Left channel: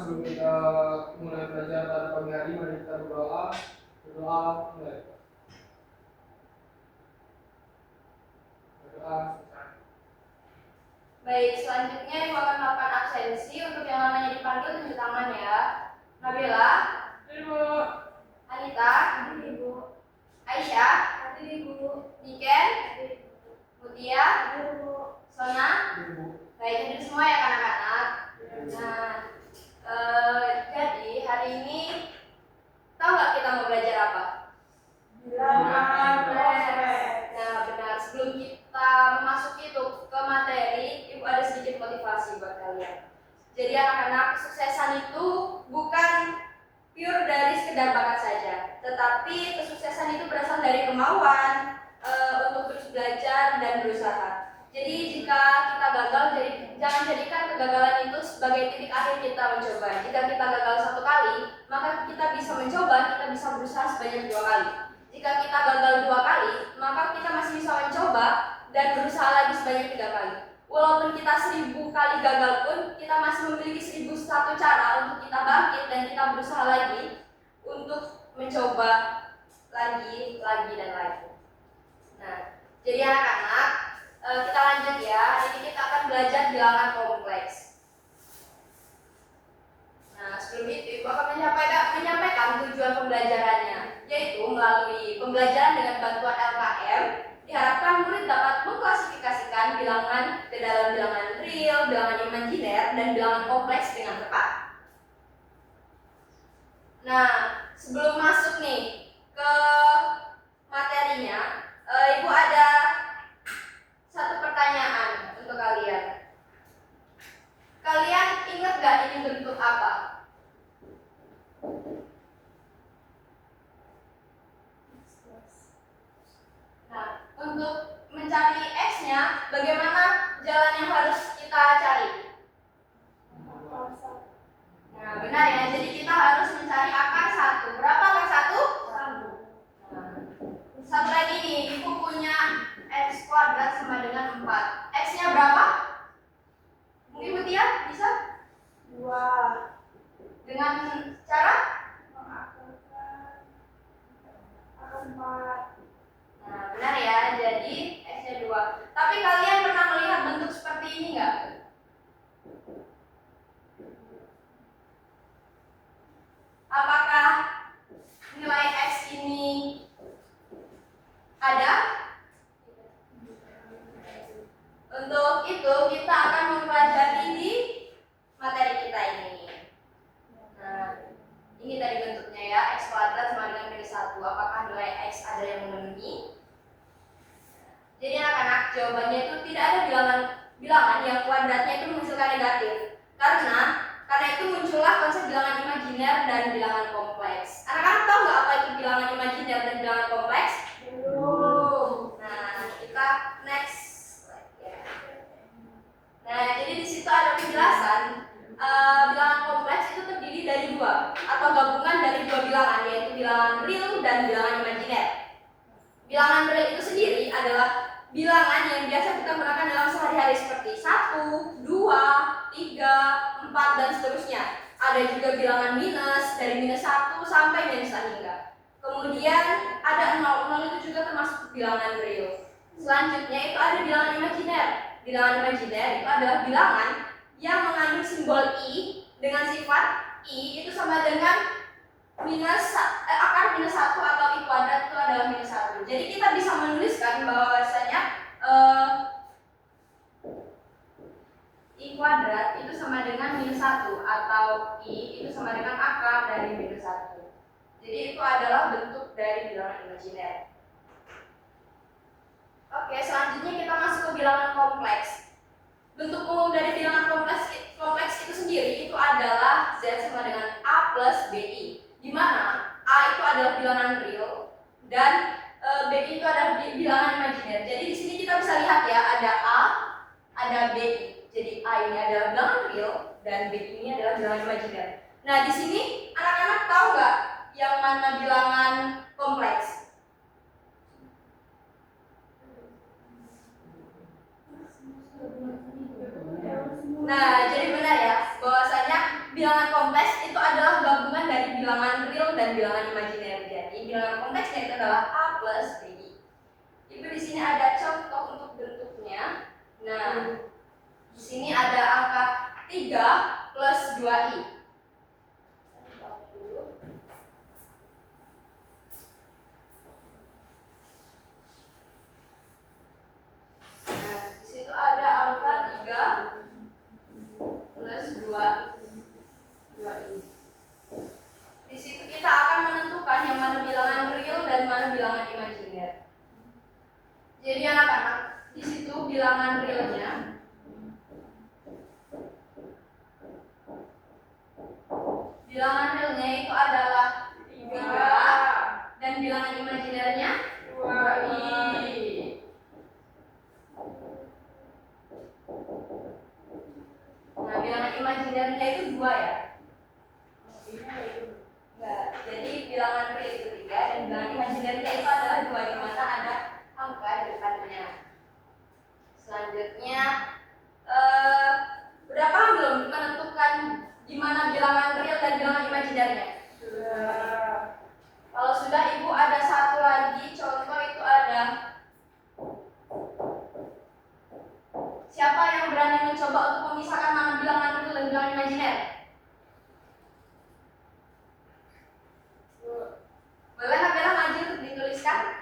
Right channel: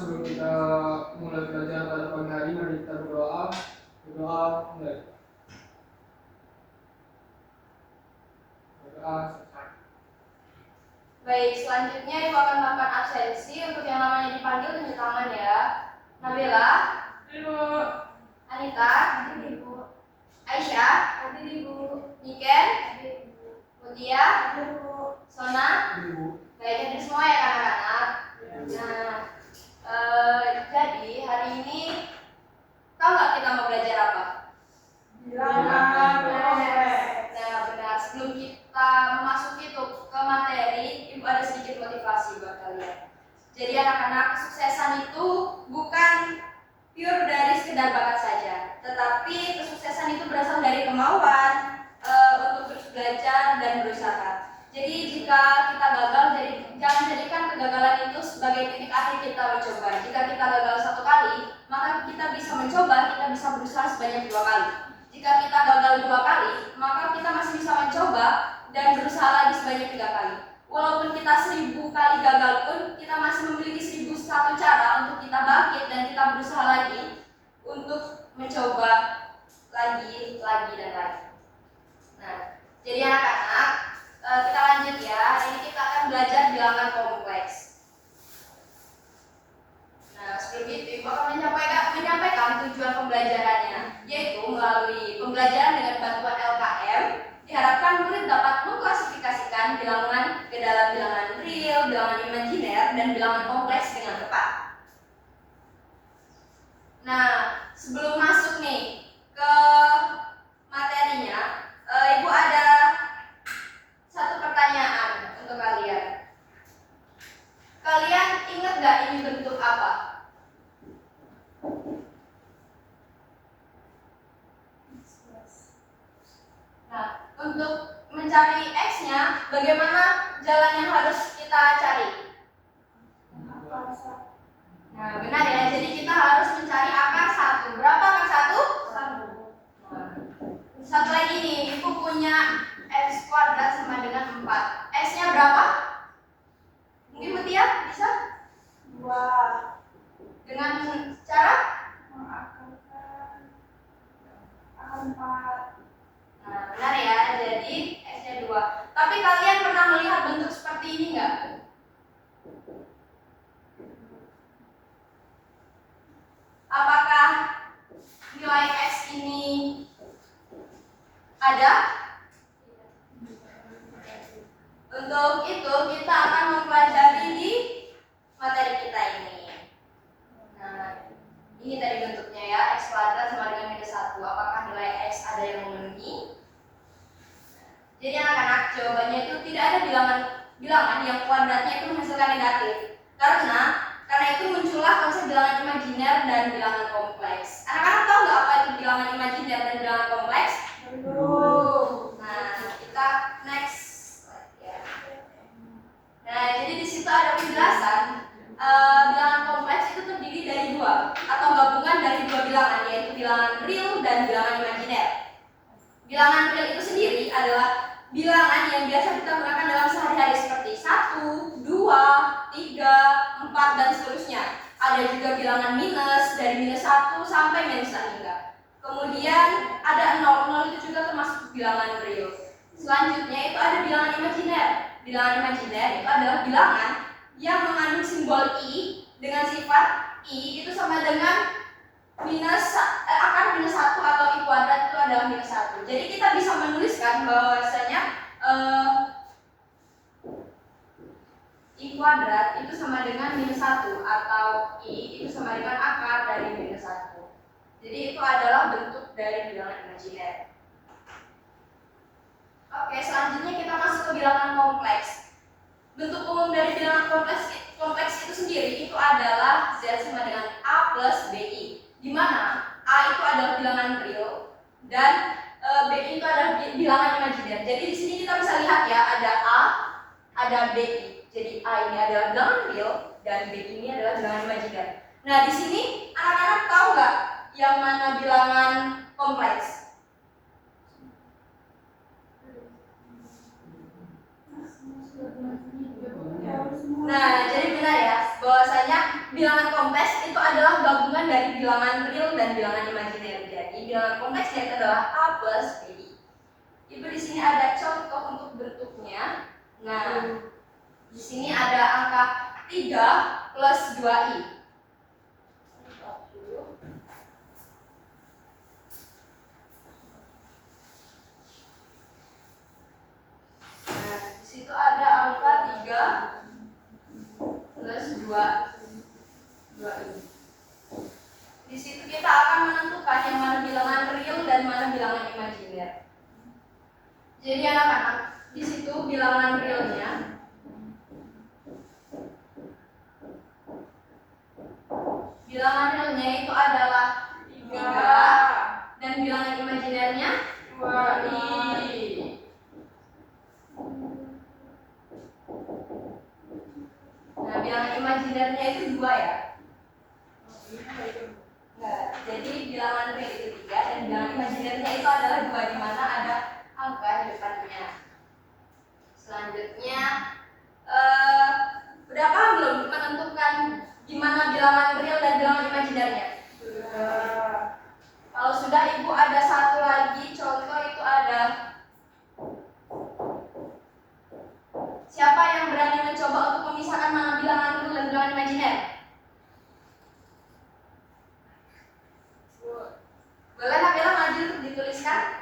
sebelum kita mulai belajar pada pagi hari, mari kita berdoa. Berdoa mulai. Berdoa selesai. Baik, selanjutnya Ibu akan melakukan absensi. Untuk yang namanya dipanggil tunjuk tangan ya. Nabila, Ibu. Anita, Ibu. Aisyah, Ibu. Niken, Ibu. Mutia, Ibu. Sona. Ibu. Baik, hadir semua ya anak-anak. Nah, jadi hari ini tahu nggak kita mau belajar apa? Bilangan kompleks. Nah, benar. Sebelum kita memasuki itu ke materi, Ibu ada sedikit motivasi buat kalian. Jadi anak-anak, kesuksesan itu bukan pure dari sekedar bakat saja, tetapi kesuksesan itu berasal dari kemauan untuk terus belajar dan berusaha. Jadi jika kita gagal, jangan jadikan kegagalan itu sebagai titik akhir kita mencoba. Jika kita gagal satu kali, maka kita bisa mencoba, kita bisa berusaha sebanyak 2 kali. Jika kita gagal 2 kali, maka kita masih bisa mencoba dan berusaha lagi sebanyak 3 kali. Walaupun kita 1000 kali gagal pun, kita masih memiliki 1001 cara untuk kita bangkit dan kita berusaha lagi untuk mencoba lagi dan lagi. Nah, jadi anak-anak, kita lanjut ya. Hari ini kita akan belajar bilangan kompleks. Nah, sebelum itu Ibu akan menyampaikan tujuan pembelajarannya, yaitu melalui pembelajaran dengan bantuan LKM, diharapkan murid dapat mengklasifikasikan bilangan ke dalam bilangan real, bilangan imajiner, dan bilangan kompleks dengan tepat. Nah, sebelum masuk nih ke materinya, Ibu ada satu pertanyaan untuk kalian. Kalian ingat gak ini bentuk apa? Nah, untuk mencari X-nya, bagaimana jalan yang harus kita cari? Nah, benar ya. Jadi kita harus mencari akar 1. Berapa akar 1? 1. Satu lagi nih, Ibu punya X kuadrat sama dengan 4. X-nya berapa? Mungkin Mutia bisa? 2. Dengan cara? Mengakarkan akar 4. Nah, benar ya. Jadi X-nya 2. Tapi kalian pernah melihat bentuk seperti ini enggak? Apakah nilai X ini ada? Untuk itu kita akan mempelajari di materi kita ini. Nah, ini tadi bentuknya ya, X kuadrat sama dengan minus 1. Apakah nilai X ada yang memenuhi? Jadi anak-anak, jawabannya itu tidak ada bilangan yang kuadratnya itu menghasilkan negatif. Karena itu muncullah konsep bilangan imajiner dan bilangan kompleks. Anak-anak tahu nggak apa itu bilangan imajiner dan bilangan kompleks? Belum. Nah, kita next slide ya. Nah, jadi di situ ada penjelasan. Bilangan kompleks itu terdiri dari 2 atau gabungan dari 2 bilangan, yaitu bilangan real dan bilangan imajiner. Bilangan real itu sendiri adalah bilangan yang biasa kita gunakan dalam sehari-hari seperti 1, 2, 3, 4 dan seterusnya. Ada juga bilangan minus dari minus 1 sampai minus hingga. Kemudian ada 0 itu juga termasuk bilangan real. Selanjutnya itu ada bilangan imajiner. Bilangan imajiner itu adalah bilangan yang mengandung simbol i dengan sifat i itu sama dengan akar minus 1 atau i kuadrat itu adalah minus 1. Jadi kita bisa menuliskan bahwasanya i kuadrat itu sama dengan minus 1 atau i itu sama dengan akar dari minus 1. Jadi itu adalah bentuk dari bilangan imajiner. Oke, selanjutnya kita masuk ke bilangan kompleks. Bentuk umum dari bilangan kompleks itu sendiri itu adalah Z sama dengan A plus BI, di mana A itu adalah bilangan real dan BI itu adalah bilangan imajiner. Jadi di sini kita bisa lihat ya, ada A, ada BI. Jadi A ini adalah bilangan real dan BI ini adalah bilangan imajiner. Nah, di sini anak-anak tahu nggak yang mana bilangan kompleks? Nah, jadi benar ya, bahwasanya bilangan kompleks itu adalah gabungan dari bilangan real dan bilangan imajiner. Jadi bilangan kompleksnya itu adalah A plus B. Ibu di sini ada contoh untuk bentuknya. Nah, di sini ada angka 3 plus 2i. Nah, di situ ada angka 3 plus 2i. Di situ kita akan menentukan yang mana bilangan real dan mana bilangan imajiner. Jadi anak-anak, di situ bilangan realnya itu adalah 3 dan bilangan imajinernya 2i. Nah, bilangan imajinernya itu 2 ya. Enggak, jadi bilangan real itu 3 dan bilangan imajinernya itu adalah 2, di mana ada angka di depannya. Selanjutnya, udah paham belum menentukan gimana bilangan real dan bilangan imajinernya? Sudah. Kalau sudah, ibu ada satu lagi contoh, itu ada siapa yang berani mencoba untuk memisahkan mana bilangan real dan bilangan imajiner? Boleh Nabila maju untuk dituliskan?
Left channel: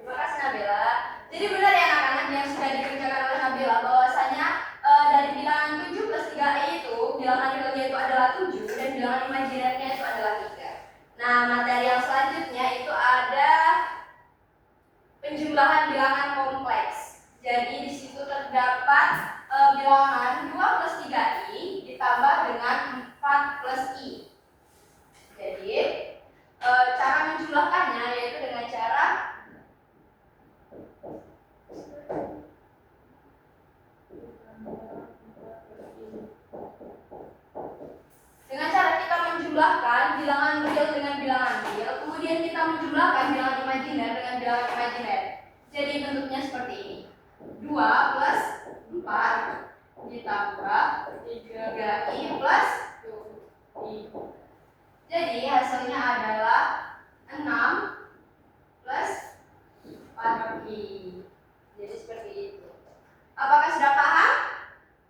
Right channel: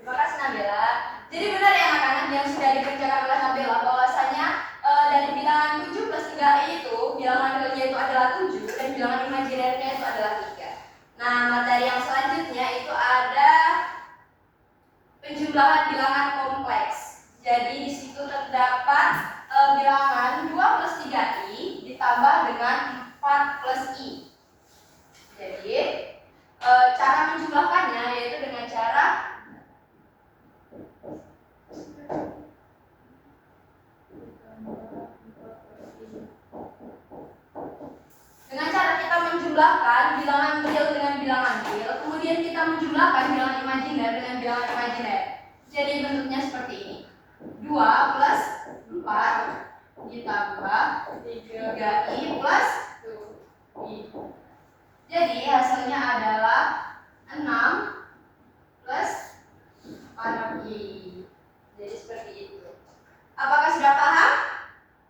Terima kasih Nabila. Jadi benar ya anak-anak yang sudah dikerjakan oleh Nabila bahwasanya dari bilangan 7 plus 3i itu bilangan realnya itu adalah 7 dan bilangan imajinernya itu adalah 3. Nah, materi yang selanjutnya itu ada penjumlahan bilangan kompleks. Jadi di situ terdapat bilangan 2 plus 3i ditambah dengan 4 plus i. Jadi cara menjumlahkannya yaitu dengan cara kita menjumlahkan bilangan real dengan bilangan real, kemudian kita menjumlahkan bilangan imajiner dengan bilangan imajiner. Jadi bentuknya seperti ini. 2 plus 4 ditambah 3i plus 2i. Jadi hasilnya adalah 6 plus 4i. Jadi seperti itu. Apakah sudah paham?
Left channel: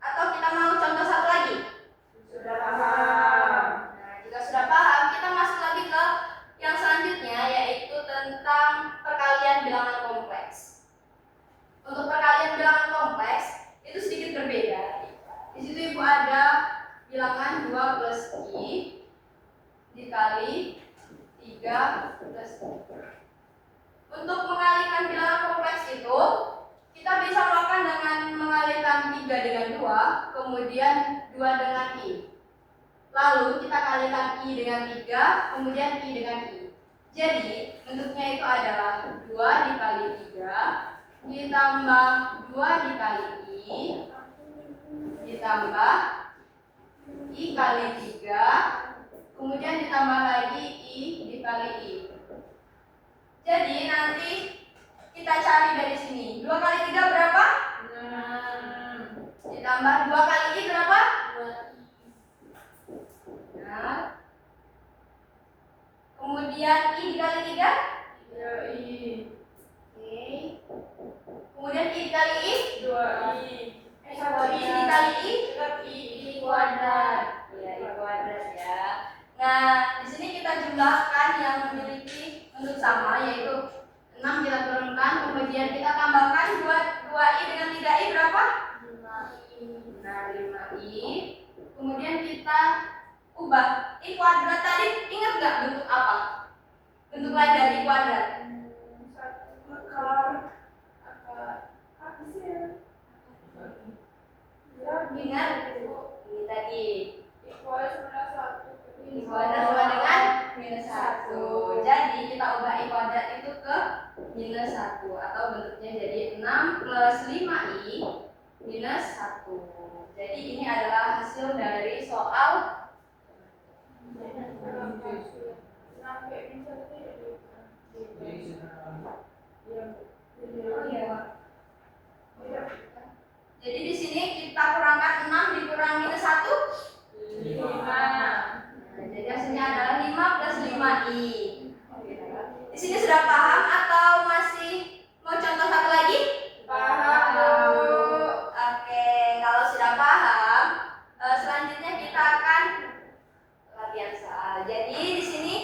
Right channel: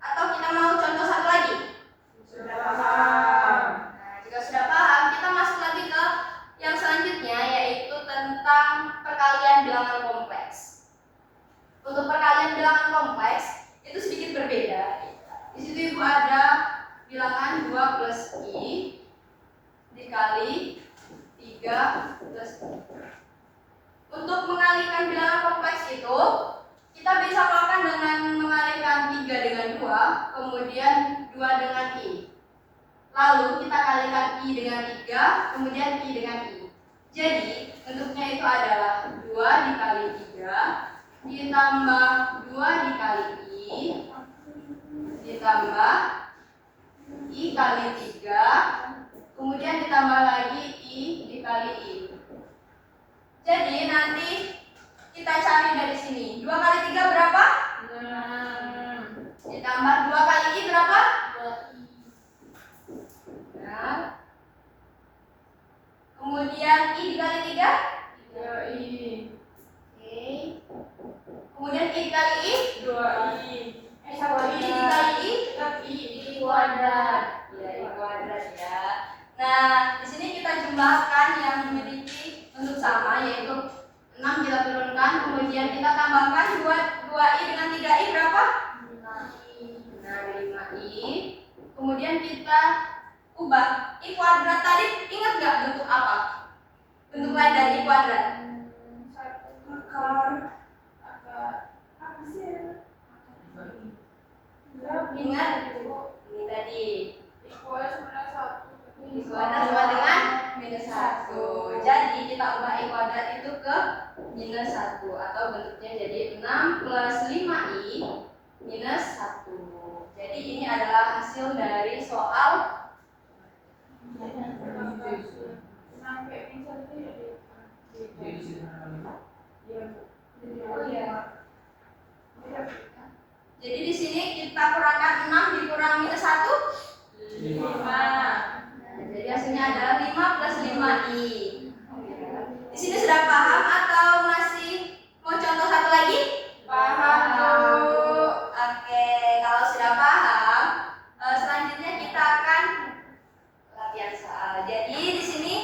Atau kita mau contoh satu lagi? Sudah paham. Nah, jika sudah paham, kita masuk lagi ke yang selanjutnya, yaitu tentang perkalian bilangan kompleks. Untuk perkalian bilangan kompleks itu sedikit berbeda. Di situ ibu ada bilangan 2 plus i dikali 3 plus i. Untuk mengalihkan bilangan kompleks itu kita bisa melakukan dengan mengalihkan 3 dengan 2, kemudian 2 dengan i. Lalu kita kalikan i dengan 3, kemudian i dengan i. Jadi bentuknya itu adalah 2 dikali 3 ditambah 2 dikali i ditambah i kali 3, kemudian ditambah lagi i dikali i. Jadi nanti kita cari dari sini. 2 kali 3 berapa? 6. Ditambah 2 kali i berapa? 2i. Nah. Kemudian i dikali 3? 3i. Oke. Kemudian i dikali i? 2i. 1i dikali i? i kuadrat. Ya, i kuadrat ya. Nah, di sini kita jumlahkan yang memiliki bentuk sama, yaitu 6 kita turunkan, kemudian kita tambahkan 2i dengan 3i berapa? 5i. Nah, 5i. Kemudian kita ubah i kuadrat tadi, ingat nggak bentuk apa? Bentuk lain dari i kuadrat? Kalau apa sih? Ingat minus 1 atau bentuknya jadi 6 plus 5i minus 1. Jadi ini adalah hasil dari soal Sampai bisa tuh ya. Jadi di sini akan oh ya. Jadi di sini kita kurangkan 6 dikurang minus 1 5. Nah, jadi hasilnya adalah 5 plus 5i. Di sini sudah paham atau masih mau contoh satu lagi? Paham, Bu. Oke, kalau sudah paham, selanjutnya kita akan latihan soal. Jadi di sini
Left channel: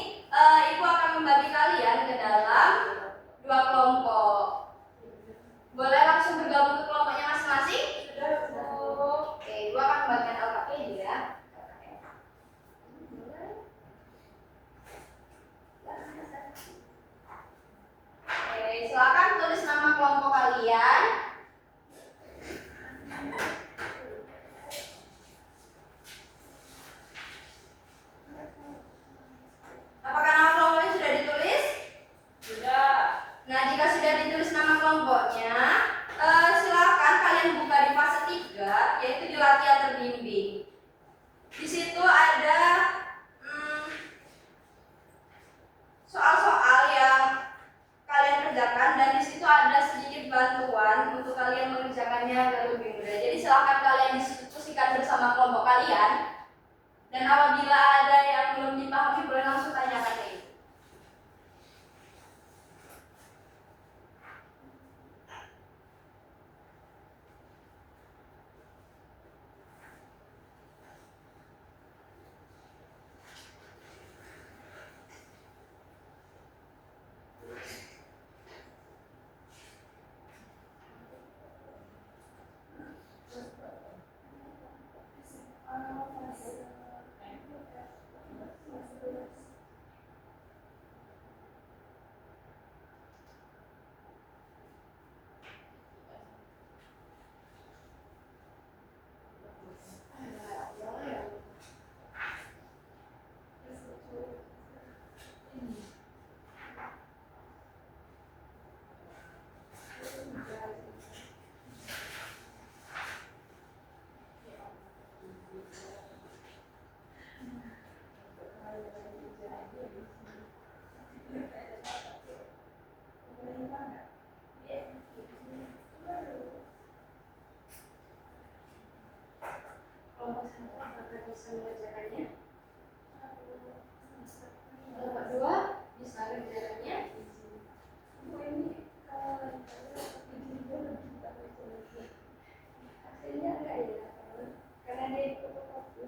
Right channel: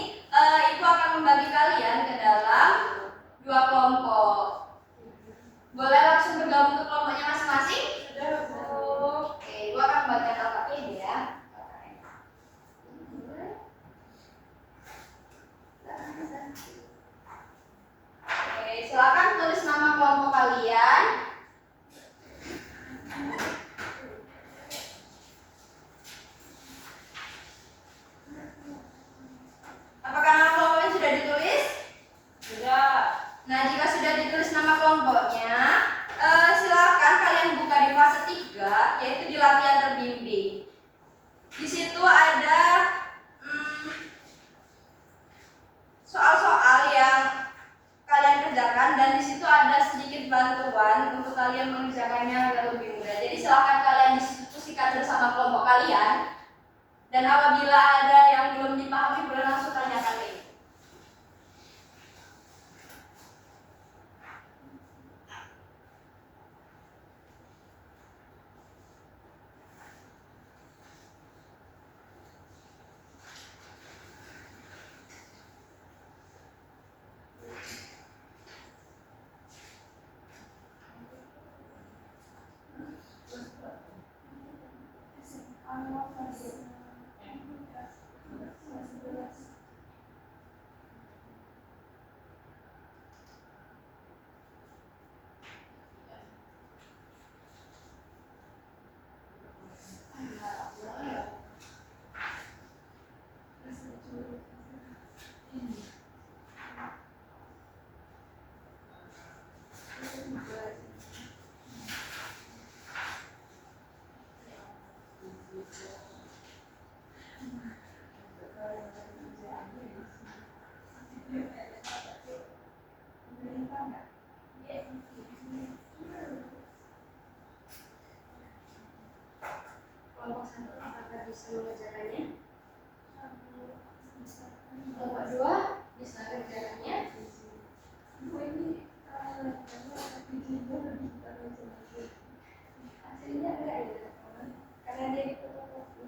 Ibu akan membagi kalian ke dalam 2 kelompok. Boleh langsung bergabung ke kelompoknya masing-masing? Sudah, Bu. Oke, Ibu akan membagikan LKP ya. Oke, silakan tulis nama kelompok kalian. Apakah nama kelompoknya sudah ditulis? Sudah. Nah, jika sudah ditulis nama kelompoknya, silakan kalian buka di fase 3, yaitu di latihan terbimbing. Di situ ada soal-soal yang kalian kerjakan dan di situ ada sedikit bantuan untuk kalian mengerjakannya agar lebih mudah. Jadi silakan kalian diskusikan bersama kelompok kalian dan apabila ada yang belum dipahami boleh langsung tanyakan ke Ibu. Kelompok 1 apakah bisa mengerjakannya? Kelompok 2 bisa mengerjakannya? Bu, ini Hasilnya enggak ya? Karena dia ikut fotokopi.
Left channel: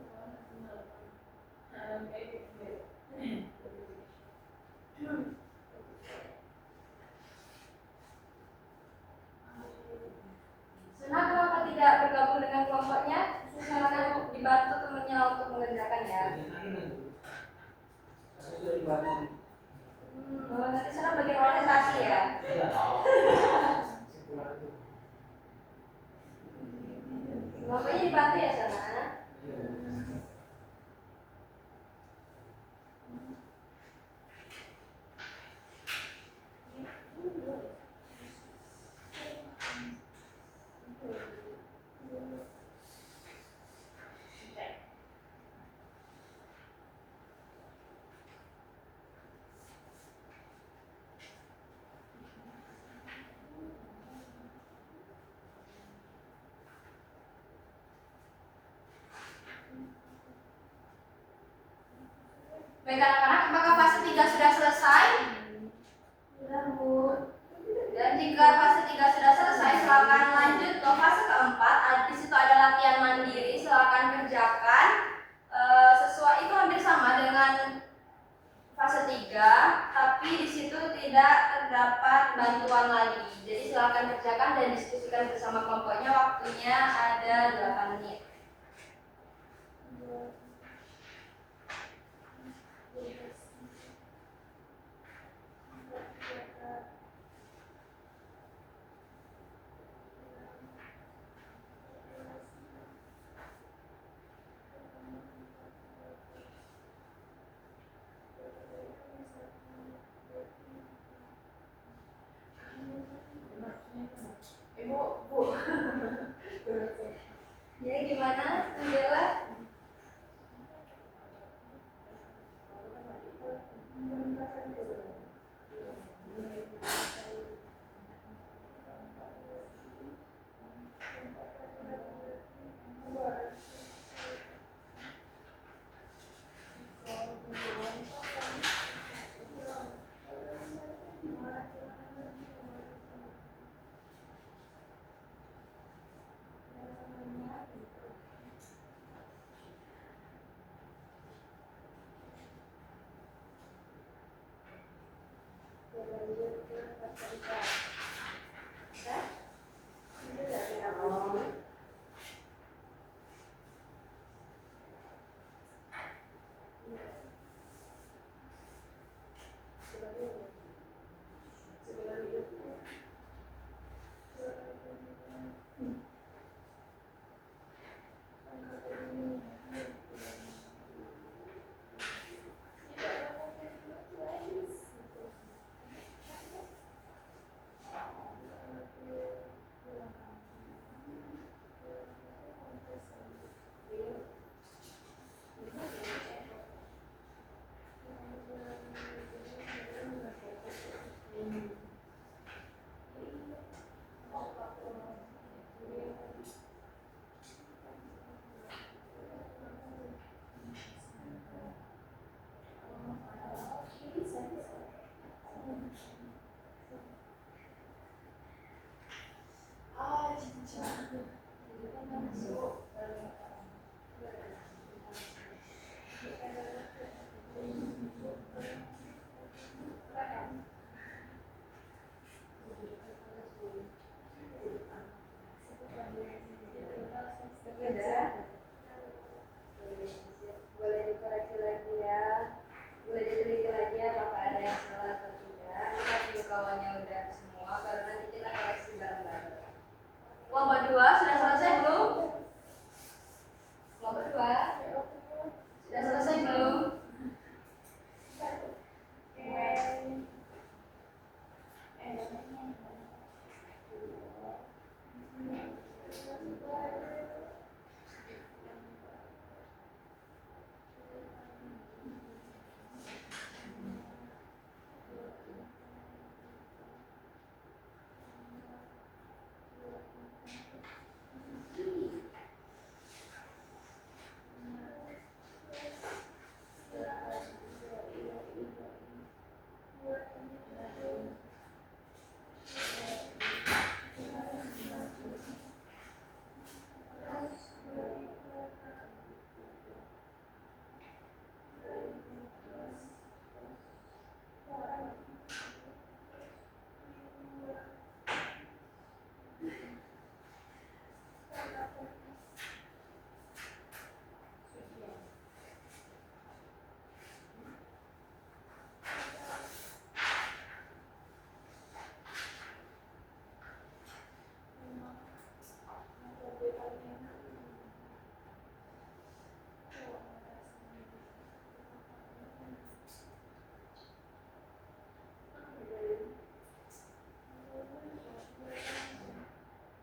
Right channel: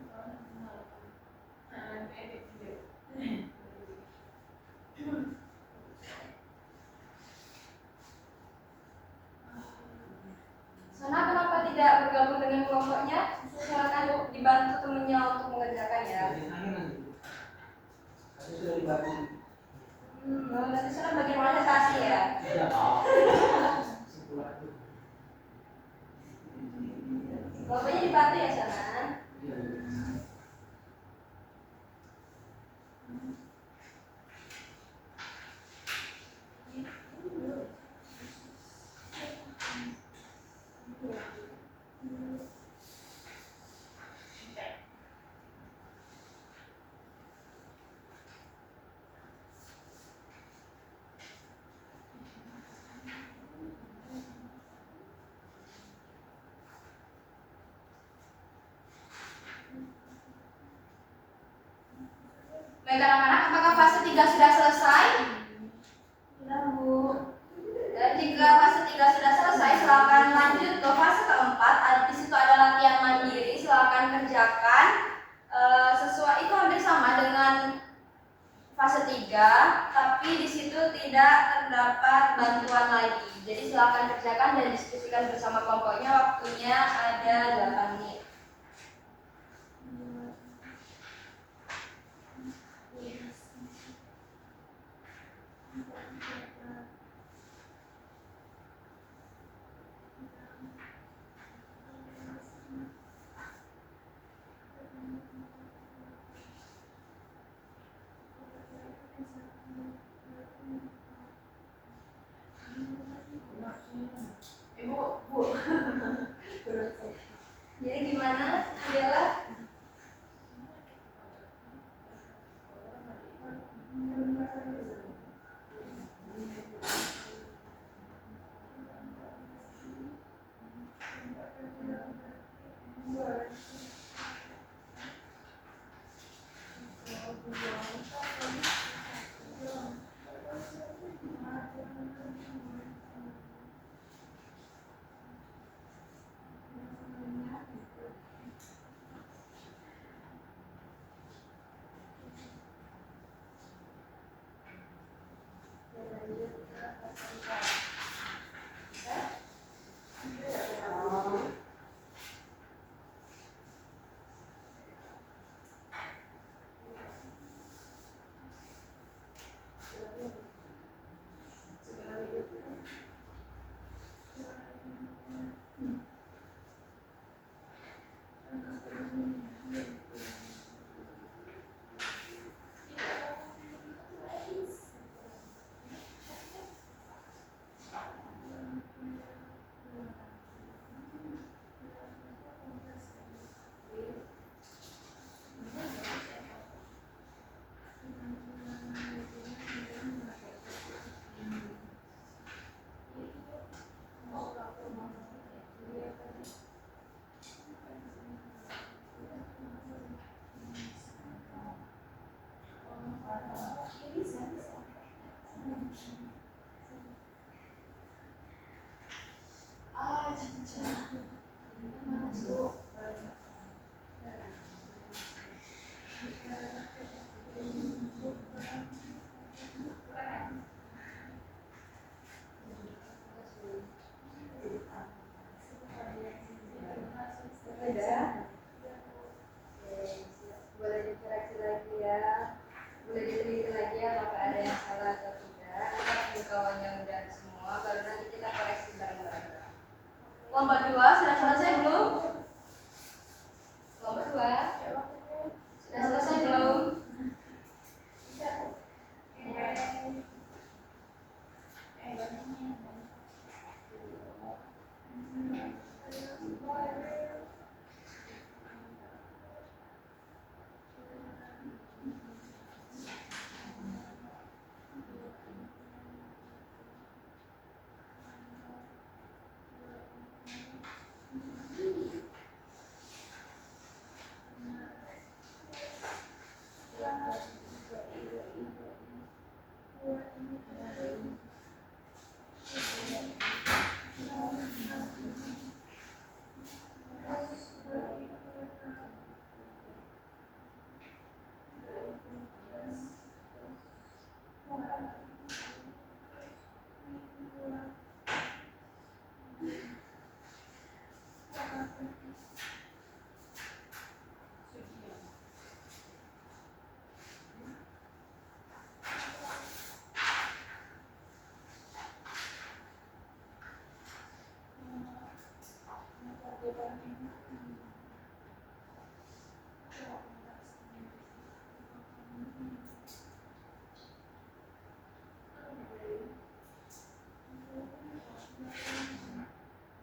Sana kenapa tidak bergabung dengan kelompoknya? Silakan dibantu temannya untuk mengerjakan ya. Saya sudah dibantu. Nanti sana bagian presentasi ya. Tidak. Sekolah itu. Kelompoknya dibantu ya sana. Baik anak-anak, apakah fase 3 sudah selesai? Sudah, Bu. Dan jika fase 3 sudah selesai, silakan lanjut ke fase keempat. Di situ ada latihan mandiri, silakan kerjakan. Sesuai itu hampir sama dengan fase 3, tapi di situ tidak terdapat bantuan lagi. Jadi silakan kerjakan dan diskusikan bersama kelompoknya. Waktunya ada 8 menit. Berlanjut ke fasilitas. Boleh dikoreksi lagi ya, boleh diteliti lagi apakah ada yang salah atau tidak. Kita kawannya udah semua, baru nanti kita koreksi bareng-bareng. Kelompok 2 sudah selesai belum? Kelompok 2 sudah selesai belum?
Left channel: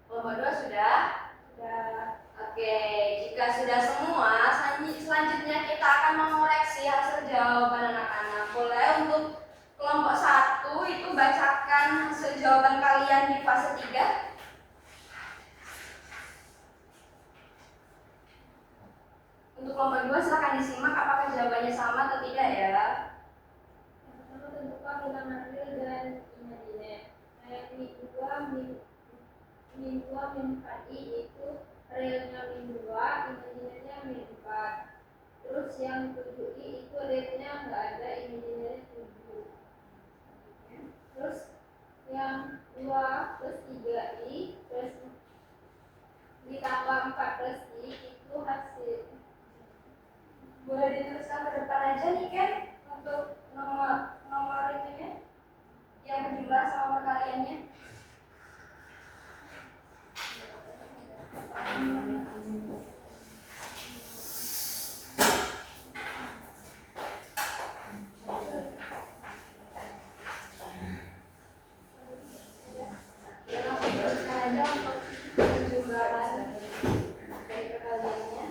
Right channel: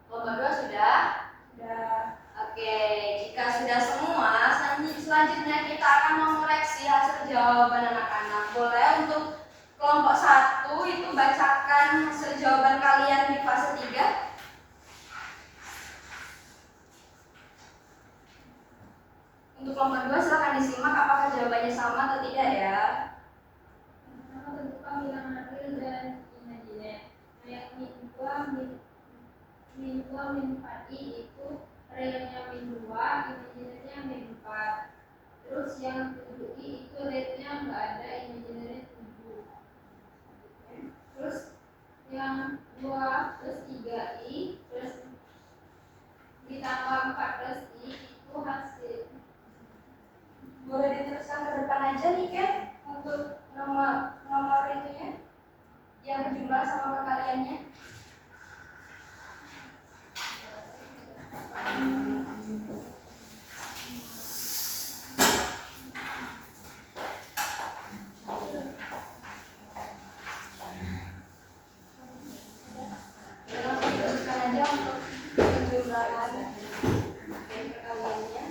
Kelompok 2 sudah? Oke, jika sudah semua, selanjutnya kita akan mengoreksi hasil jawaban anak-anak. Boleh untuk kelompok 1 itu bacakan hasil jawaban kalian di fase 3. Untuk kelompok 2 silahkan disimak apakah jawabannya sama atau tidak ya. Pertama tentukan bilangan real dan imajiner. Nah yang min 2 min 4i itu realnya min 2, imajinernya min 4. Terus yang 7i itu realnya nggak ada, imajinernya 7. Terus yang 2 plus 3i terus ditambah 4 plus i itu hasil. Boleh diteruskan ke depan aja nih Ken untuk nomor itunya yang berjumlah sama perkaliannya. Langsung teruskan aja untuk penjumlahan perkaliannya.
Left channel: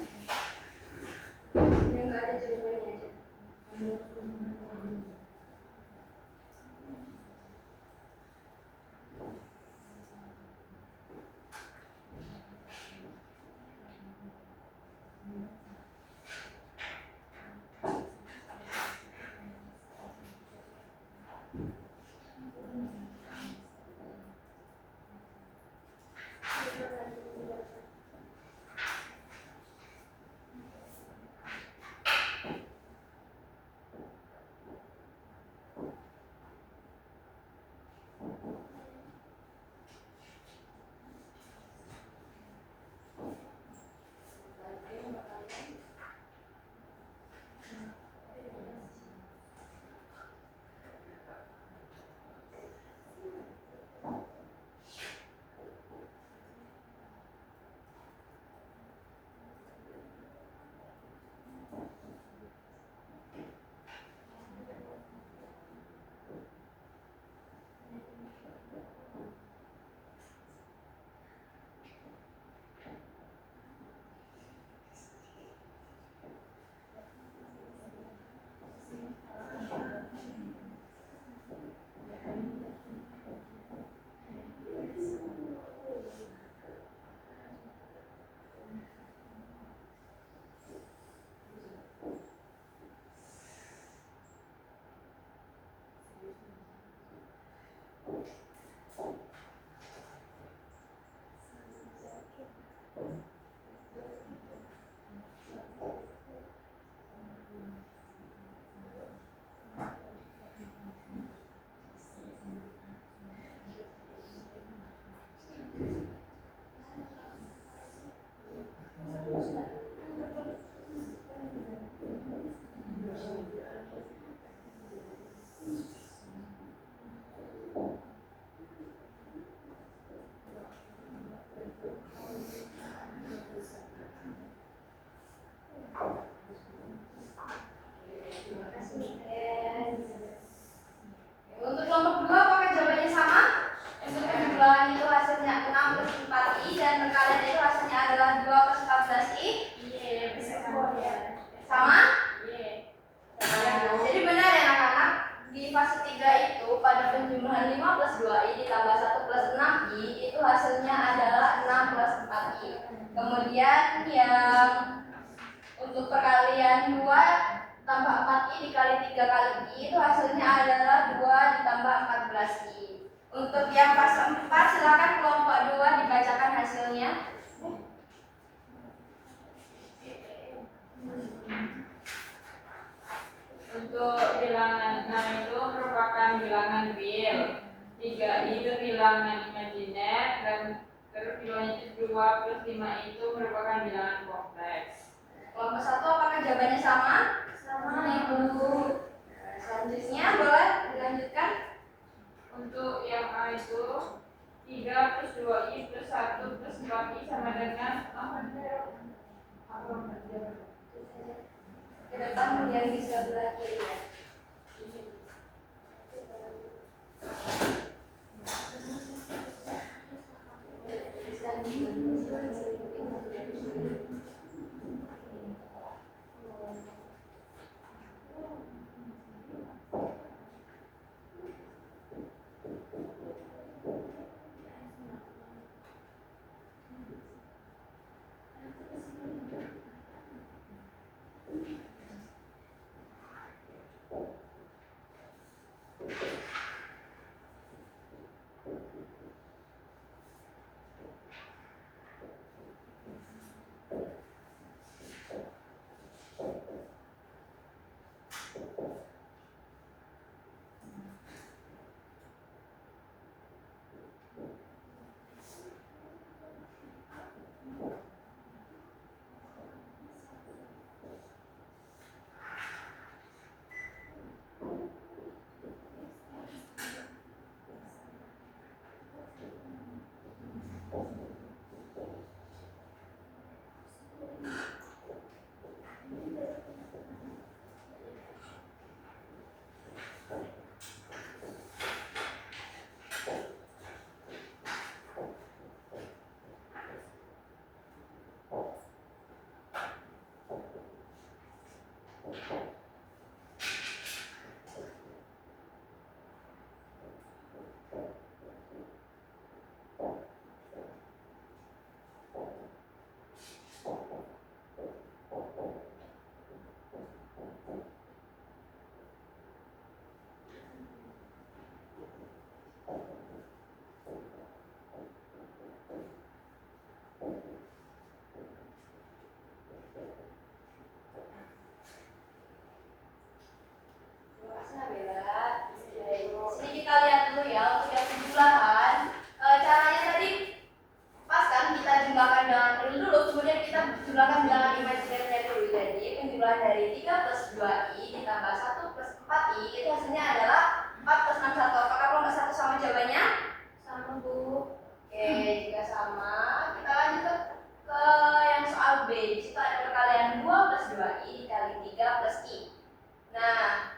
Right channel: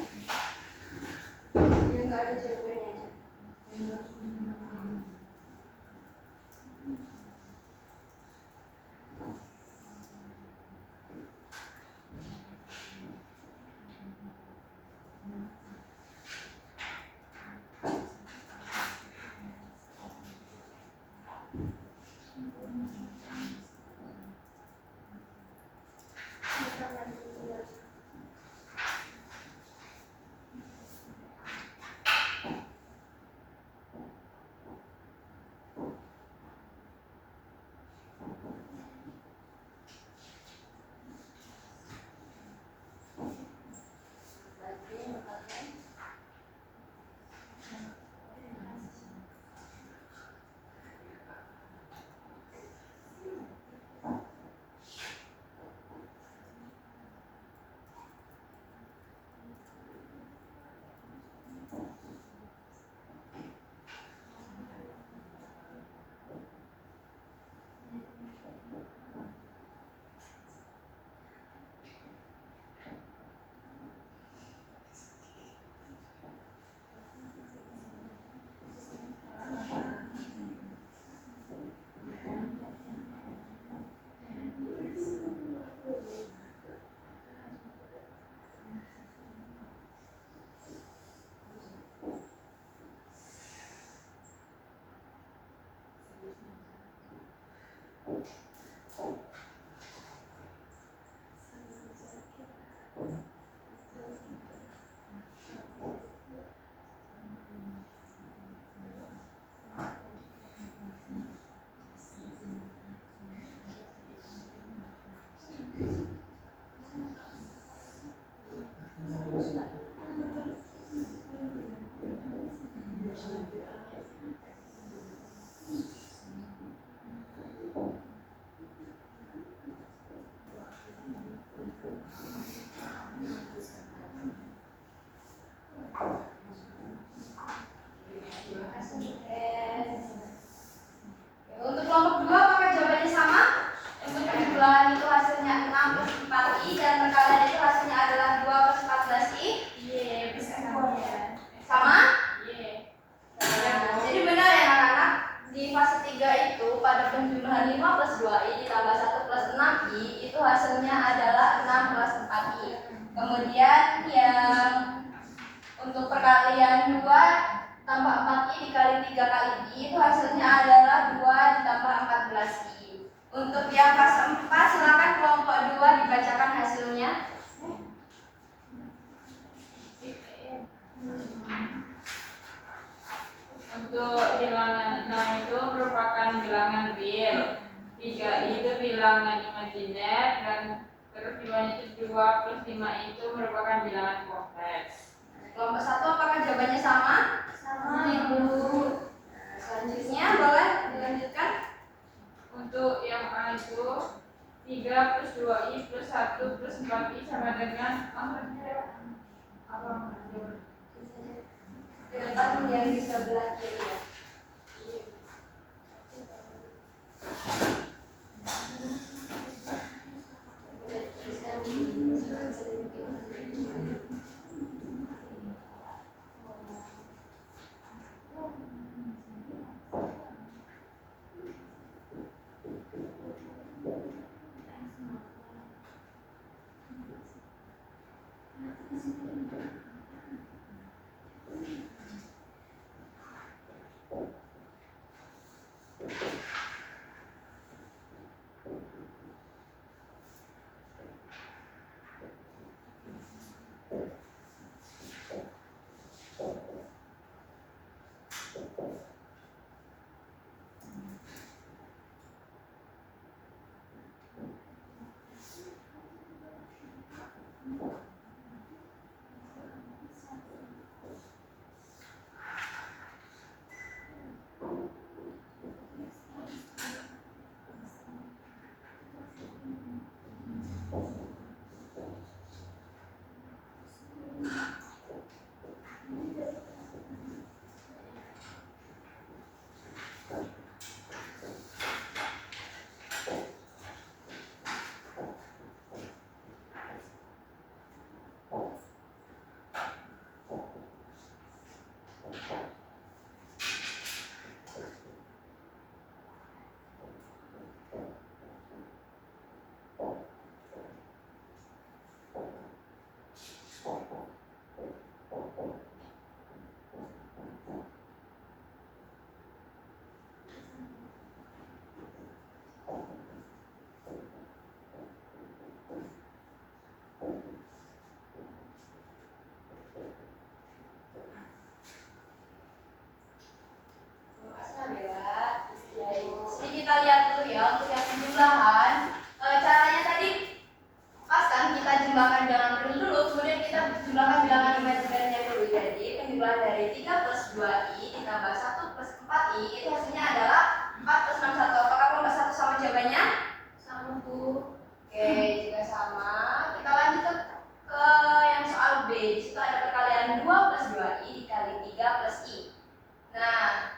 tambah 4i dikali 3 kali i itu hasilnya adalah 2 ditambah 14i. Untuk yang kelas 4 silakan kelompok 2 dibacakan hasilnya. Untuk bilangan 6 itu merupakan bilangan real, 3i itu bilangan imajiner, dan terus bilangan 2 plus 5i itu merupakan bilangan kompleks. Kelompok 1 apakah jawabannya sama? Sama, Ibu. Selanjutnya boleh dilanjutkan. Untuk yang A itu 3 plus 2i plus 1 plus 4i sama dengan Ke depan yang di sebelah kiri ya. Kita lihat dulu ya untuk yang penjumlahan. Caranya tadi pas kan kita jumlahkan bilangan real dulu, kemudian kita jumlahkan bilangan imajinernya dulu. Jadi penjumlahan dari 3 plus 2i ditambah 1 plus 4i itu hasilnya adalah 4 plus 61. Apakah kelompok 1 sama jawabannya? Sama, Bu. Oke, jika sama, kita lanjut ke yang soal B. Di situ ada perkalian 2 plus 2i dikali 3 plus i. Nah,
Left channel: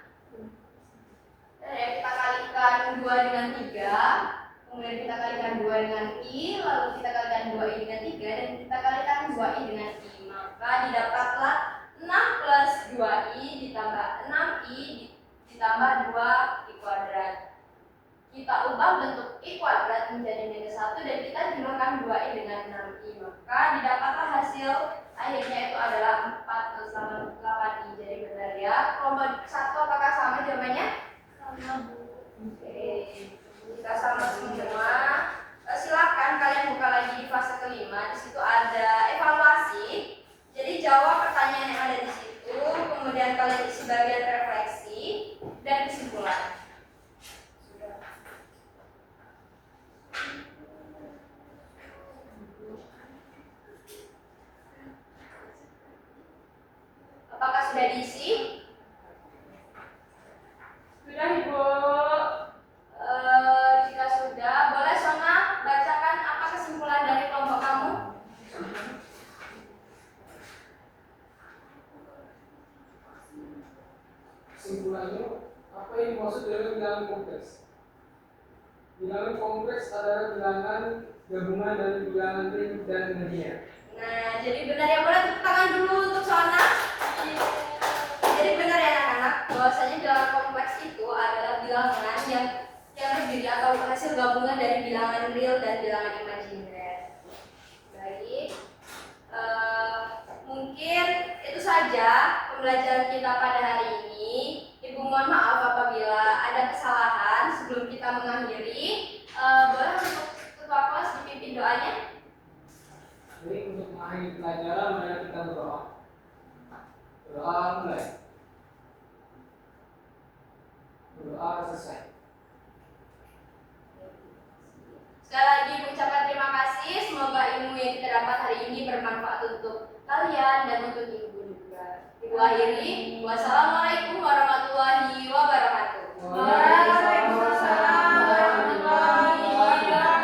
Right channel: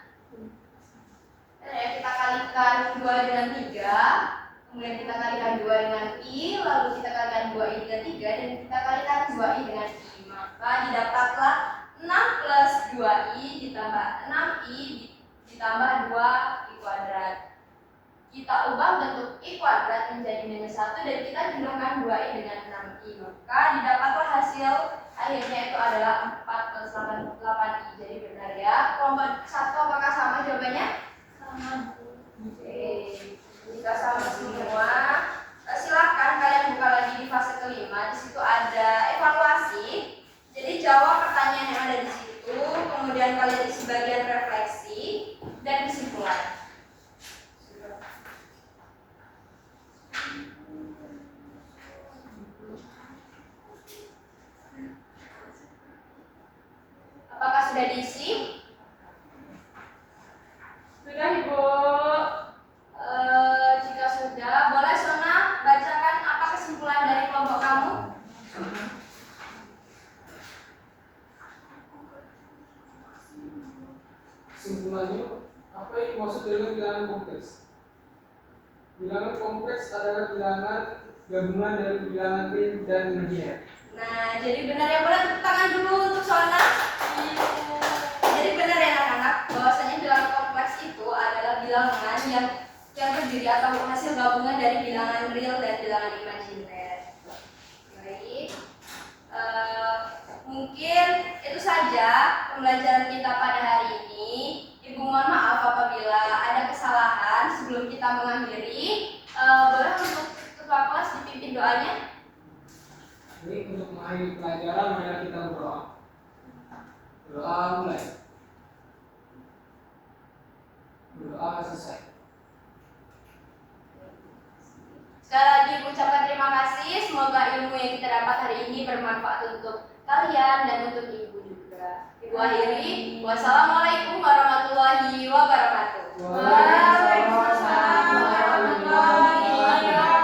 ya, kita kalikan 2 dengan 3, kemudian kita kalikan 2 dengan i, lalu kita kalikan 2i dengan 3, dan kita kalikan 2i dengan i. Maka didapatlah 6 plus 2i ditambah 6i ditambah 2i kuadrat. Kita ubah bentuk i kuadrat menjadi minus 1 dan kita jumlahkan 2i dengan 6i. Maka didapatlah hasil akhirnya itu adalah 4 plus 8i. Jadi benar ya. Kelompok 1 apakah sama jawabannya? Sama, Bu. Oke, jika sama semua, silakan kalian buka lagi di fase kelima. Di situ ada evaluasi. Jadi jawab pertanyaan yang ada di situ, kemudian kalian isi bagian refleksi dan kesimpulan. Apakah sudah diisi? Sudah, Ibu. Jika sudah, boleh Sona bacakan apa kesimpulan dari kelompok kamu? Kesimpulannya, apa yang dimaksud dengan bilangan kompleks? Bilangan kompleks adalah bilangan gabungan dari bilangan real dan imajiner. Nah, jadi benar ya, boleh tepuk tangan dulu untuk Sona. Jadi benar ya anak-anak, bahwasanya bilangan kompleks itu adalah bilangan yang terdiri atau hasil gabungan dari bilangan real dan bilangan imajiner. Baik, mungkin itu saja saja pembelajaran kita pada hari ini. Ibu mohon maaf apabila ada kesalahan. Sebelum kita mengakhiri, boleh untuk ketua kelas dipimpin doanya? Jadi untuk mengakhiri pelajaran, mari kita berdoa. Berdoa mulai. Berdoa selesai. Sekali lagi ibu ucapkan terima kasih. Semoga ilmu yang kita dapat hari ini bermanfaat untuk kalian dan untuk ibu juga. Ibu akhiri. Wassalamualaikum warahmatullahi wabarakatuh. Waalaikumsalam warahmatullahi wabarakatuh.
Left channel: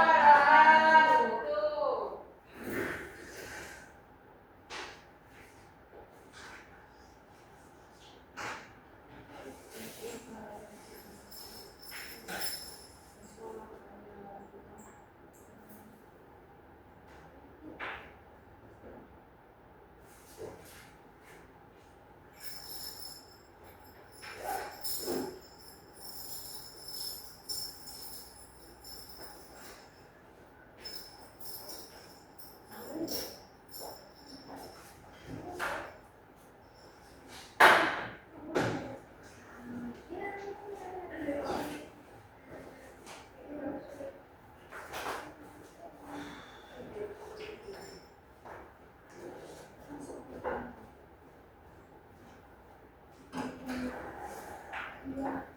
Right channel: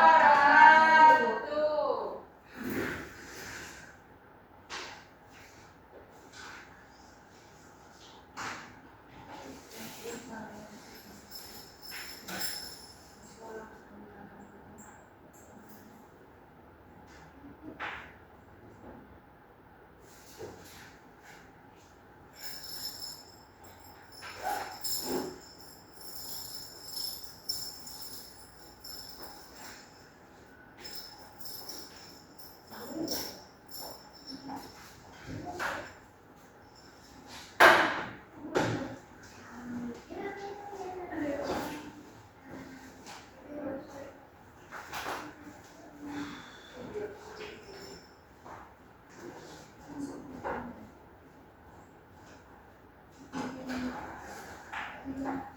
Iya.